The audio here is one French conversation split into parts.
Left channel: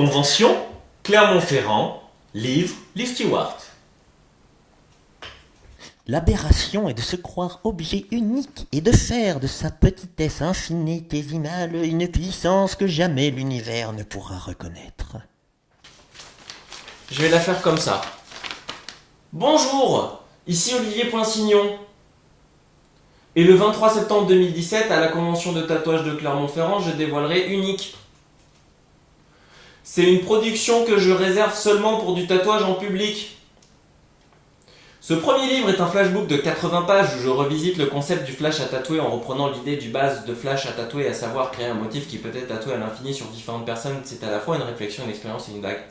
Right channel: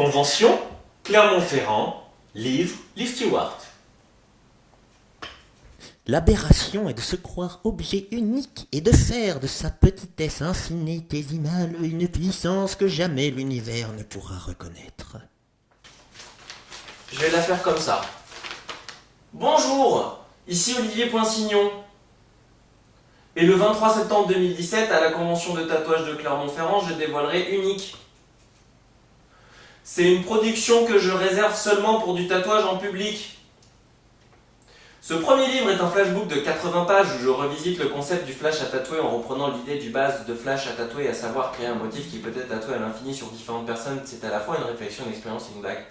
Convention, Clermont-Ferrand, livre, Lee Stewart. L'aberration est de se croire objet unique et de faire de sa petitesse infinitésimale une puissance que jamais l'univers ne pourra reconnaître. Je vais la faire comme ça. Bonjour, ici Olivier Poinsignon. Et le 23 septembre 2017, à la convention de tatouage de Clermont-Ferrand, je dévoilerai Unique. C'est une production que je réserve seulement pour du tatouage en public. Ce premier livre est un flashbook de 80 pages où je revisite le concept du flash à tatouer en reprenant l'idée du base de flash à tatouer, à savoir créer un motif qui peut être tatoué à l'infini sur différentes personnes. C'est à la fois une réflexion, une expérience et une blague.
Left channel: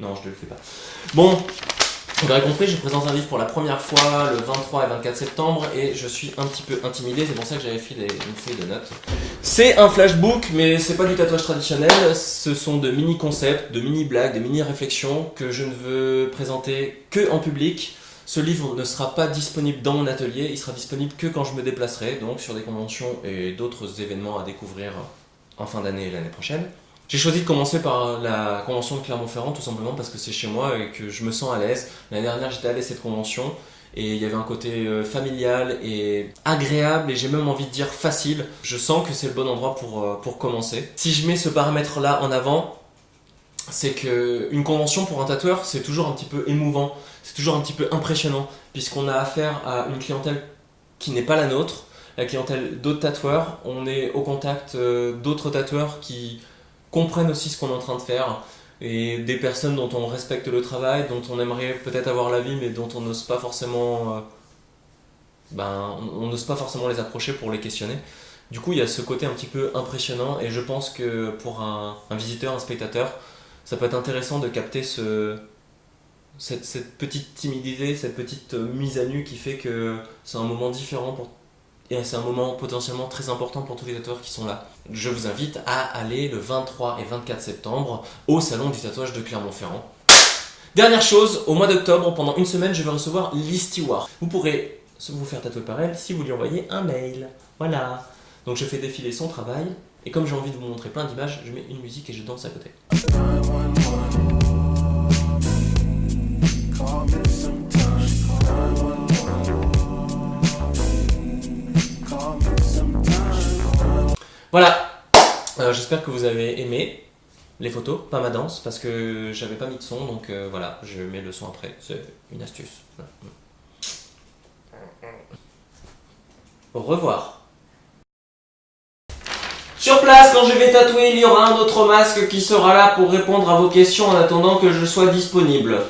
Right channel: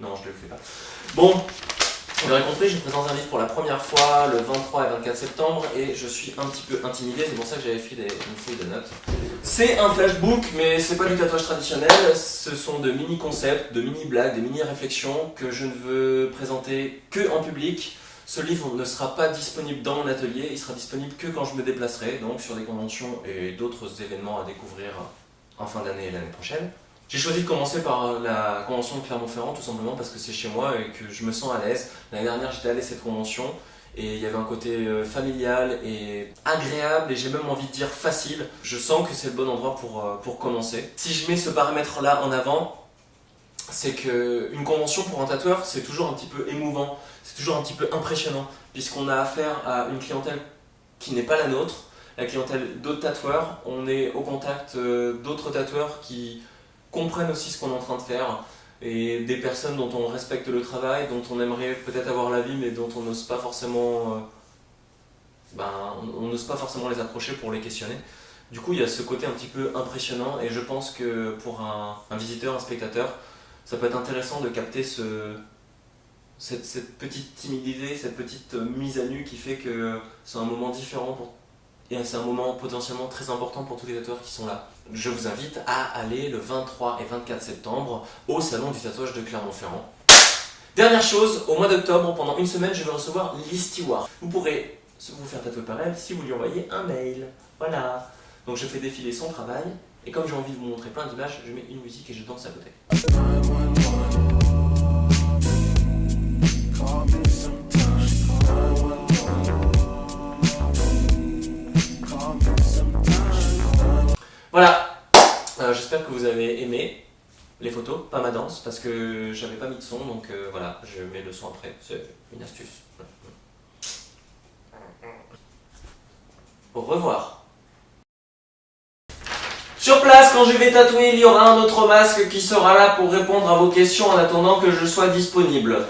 Non, je ne le fais pas. Bon, vous l'aurez compris, je présente un livre pour la première fois le 23 et 24 septembre et je suis un petit peu intimidé, c'est pour ça que j'avais fait une feuille de notes. C'est un flashbook, mais c'est pas du tatouage traditionnel, ce sont de mini-concepts, de mini-blagues, de mini-réflexions que je ne veux présenter que en public. Ce livre ne sera pas disponible dans mon atelier, il sera disponible que quand je me déplacerai, donc sur des conventions et d'autres événements à découvrir en fin d'année et l'année prochaine. J'ai choisi de commencer par la convention de Clermont-Ferrand tout simplement parce que c'est chez moi et que je me sens à l'aise. L'année dernière j'étais allé à cette convention et il y avait un côté familial et agréable et j'ai même envie de dire facile. Je sens que c'est le bon endroit pour commencer. Si je mets ce paramètre là en avant, c'est qu'une convention pour un tatoueur c'est toujours un petit peu émouvant, c'est toujours un petit peu impressionnant puisqu'on a affaire à une clientèle qui n'est pas la nôtre, la clientèle d'autres tatoueurs. On est au contact d'autres tatoueurs qui comprennent aussi ce qu'on est en train de faire et des personnes dont on respecte le travail, dont on aimerait peut-être avoir l'avis mais dont on n'ose pas forcément on n'ose pas forcément les approcher pour les questionner. Du coup il y a ce côté un petit peu impressionnant et je pense que pour un visiteur, un spectateur, ça peut être intéressant de capter cette petite timidité, cette petite mise à nu qui fait que c'est un moment différent et c'est un moment potentiellement très important pour tous les tatoueurs qui sont là. Je vous invite à aller le 23 et 24 septembre au salon du tatouage de Clermont-Ferrand. Dernière chose, au mois d'octobre, pendant une semaine, je vais recevoir Lee Stewart. Vous pourrez vous faire tatouer par elle si vous lui envoyez un mail. Voilà. Donc je fais défiler son travail et comme j'ai envie de vous montrer plein d'images, je mets une musique et je danse à côté. Voilà, j'espère que vous avez aimé les photos, pas ma danse, parce que j'avais pas mis de son, donc voilà, je mets le son après, c'est une astuce. Au revoir. Sur place, quand je vais tatouer, il y aura un autre masque qui sera là pour répondre à vos questions en attendant que je sois disponible.